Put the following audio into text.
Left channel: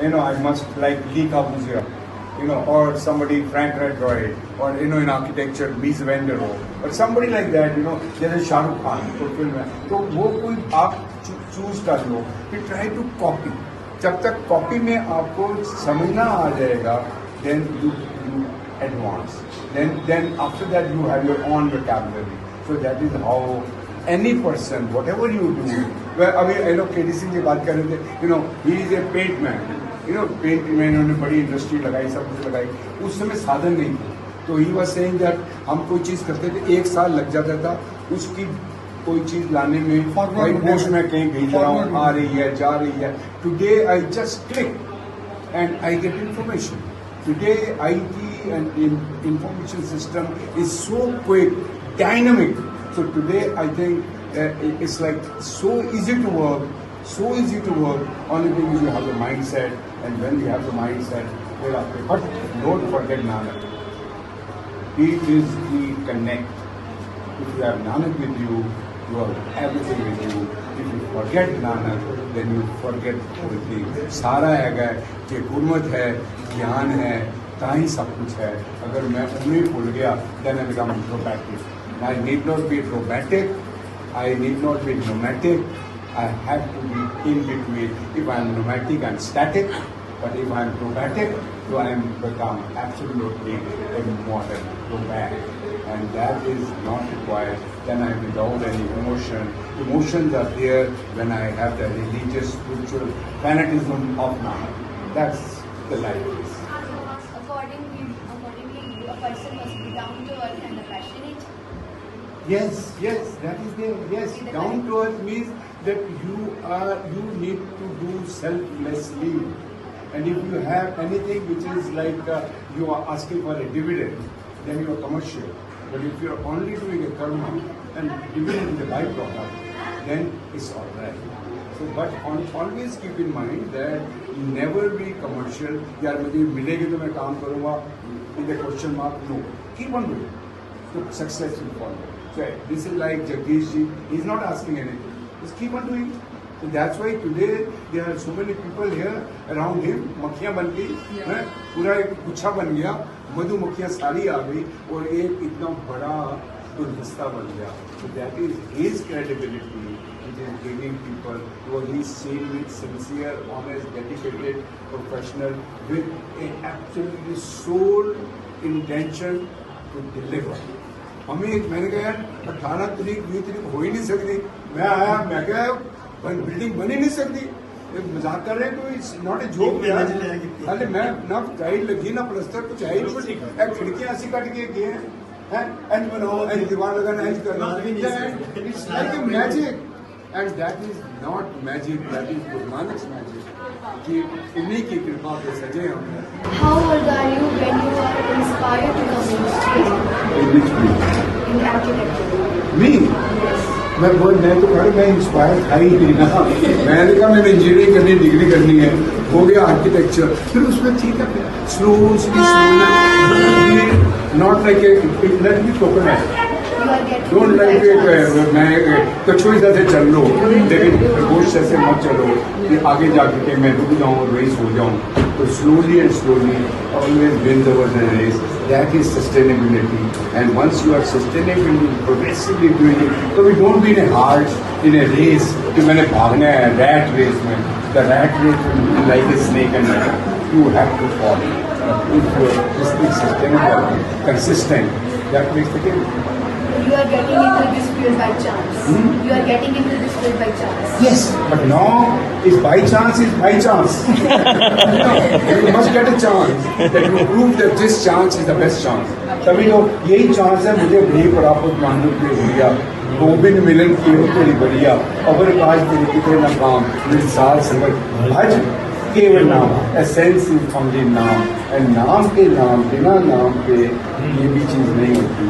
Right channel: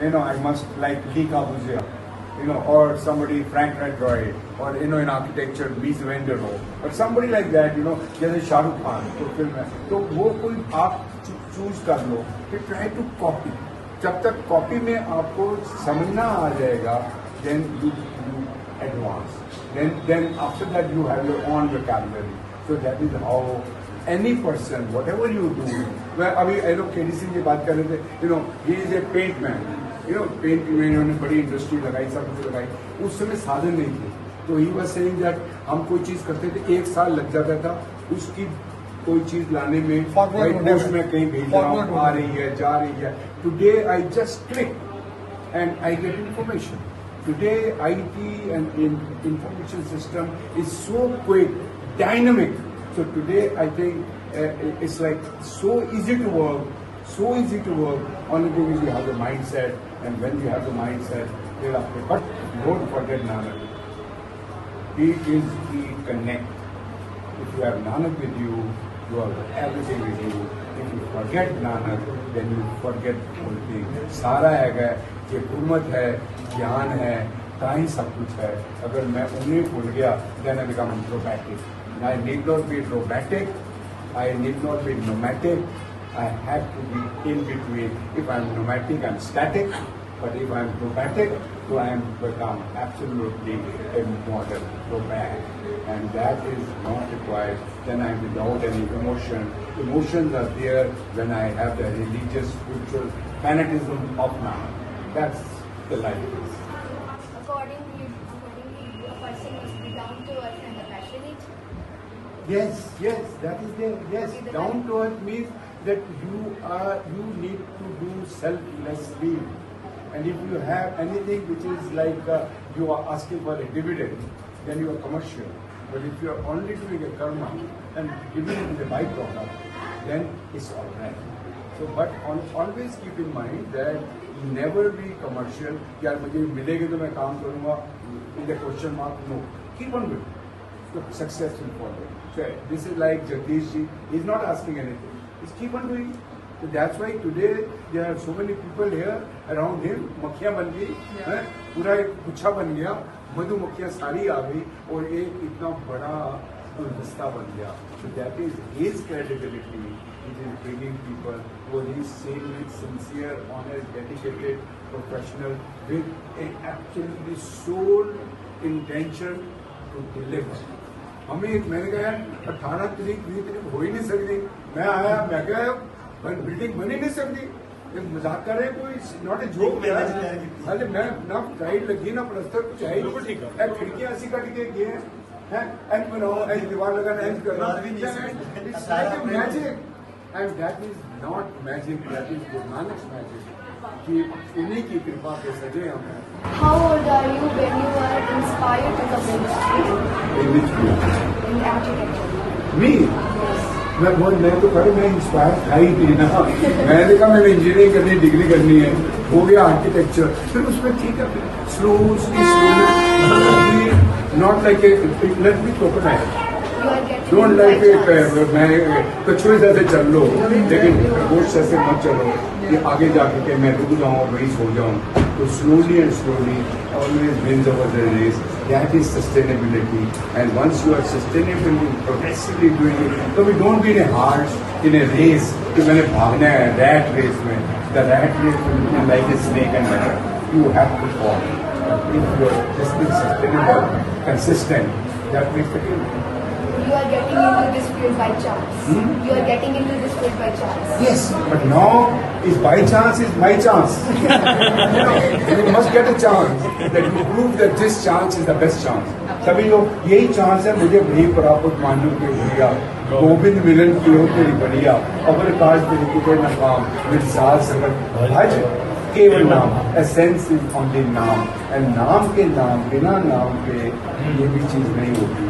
I must like Lee Corbusier, or somebody Frank Lloyd Wright, or in architecture Mies van der Rohe, or somebody like that. There's a Shah Rukh Khan तो film है, तो वो कोई आप choose कर लो, फिर try to copy. जब तक कॉपी में आपको समझना आ जाएगा, then you advance. Then after that you have your own vocabulary. So that is how any person, whatever you do. Well, I mean, KDC की बात कर रहे थे. He is a paint man. Paint में इन्होंने बड़ी इंडस्ट्री लगाई, सब कुछ लगाई. उस समय साधन नहीं थे, तो ही वाज सेइंग दैट हम कोई चीज करते थे 1 साल लग जाता था उसकी कोई चीज लाने में. पोस्ट में कहीं भेज रहा हूँ, आ रही है, जा रही है. Today I just click and I get information. Today IT and information system is so quick, dynamic. So today I think it's like so easy to work. So easy to work. Only thing is you have the mindset, and when you have the mindset, thereafter. But don't forget Nanak. He is the connect. If you have Nanak with you, you have everything with you. If you forget Nanak, then you forget everything. सारा है कि गुरमत है, ज्ञान है, ताही सब कुछ है. अगर मैं उन्हें भूल गया, then I become introverted. I need not be robotic. I need not be nomadic. I have to be in between. If I'm nomadic, I'm static. But if I'm robotic, so I am become absolutely immortal, robotic. And that is not required when I'm without any emotion. Emotions are there when I have the religious, spiritual fanaticism of Nanak. That's the life. Accordingly, a person must be down to earth and passionate. Yes, that is there. Yes, down to earth means that you need to do selflessly. And if you have anything which is like you are asking for a dividend, then you are commercial. But if you are only doing a karma and dividend is a byproduct, then it's all right. So, but always keep in mind that never be commercial. यार मुझे मिलेगी तो मैं काम करूँगा. With a question mark, no. Keep on doing. So success will follow. So this is like Jagdish ji. He's not asking anything. Just keep on doing. So that's why today there are so many people here around him. मक्खियाँ बन गई, पूरा एक गुच्छा बन गया, मधुमक्खियाँ सारी आ गई और एक इतना बड़ा गुलदस्ता बन गया. So that is his credibility, which is giving people who are genuine, sincere, honest, dedicated, professional, with an absolutely sole intention to deliver. हमें मैंने कहा 18 तारीख 20 तारीख हो ही नहीं सकती. मैं आया, मैं क्या बिल्डिंग बन ही नहीं सकती. मजाक कर रहे हैं, कोई इट्स नॉट ए जोक. अरे मैं ना टाइल लगी ना प्लस्तर कुछ है ही. खिड़कियां ऐसी कट के गए हैं, दीवार वगैरह it's like magic. And that is not magic, that is Guru Nanak magic. कि इन्हीं की कृपा के सजे हम. How old are you when you are inspired to come in architecture? Me? मैं तो कह मैं इंस्पायर था ही नहीं ना. मैंने कहा मैंने इंजीनियरिंग करनी, डिग्री करनी है, हो गया आर्किटेक्चर. फिर उसमें ठीक है, slowly not like it be coconut. Don't like मैं कछुए जैसे चल लो, लेकिन गोश्त ऐसे मत चलो कि आगे जाकर के मैं रुक जाऊँ और वहीं सो जाऊँ. तो slowly and slowly always wins over the race. That is sustainability. And once you are sustainable, progressively doing it, so we don't be in a heart in a race. कि मैंने भागना है rat race में. The rat race will be like a snake and ladder. You have to follow. If you are just being sustainable, consistent, that makes the game. You are getting into this field by chance. You are getting into this field by chance. Yes, but now is by chance is by chance. You must get a chance that you prove that this chance is the best chance. सभी लोग यही chance है मुझे नहीं प्राप्त मानव के भैया गोविंद मिलन की हो तेरी बढ़िया अबर काज पुरुति को न काम मिसाल समझ भज केवल नाम. एसेंस इज ओनली नाम. एंड नाम के नाम बिना नाम के ये भी चीज नहीं होती.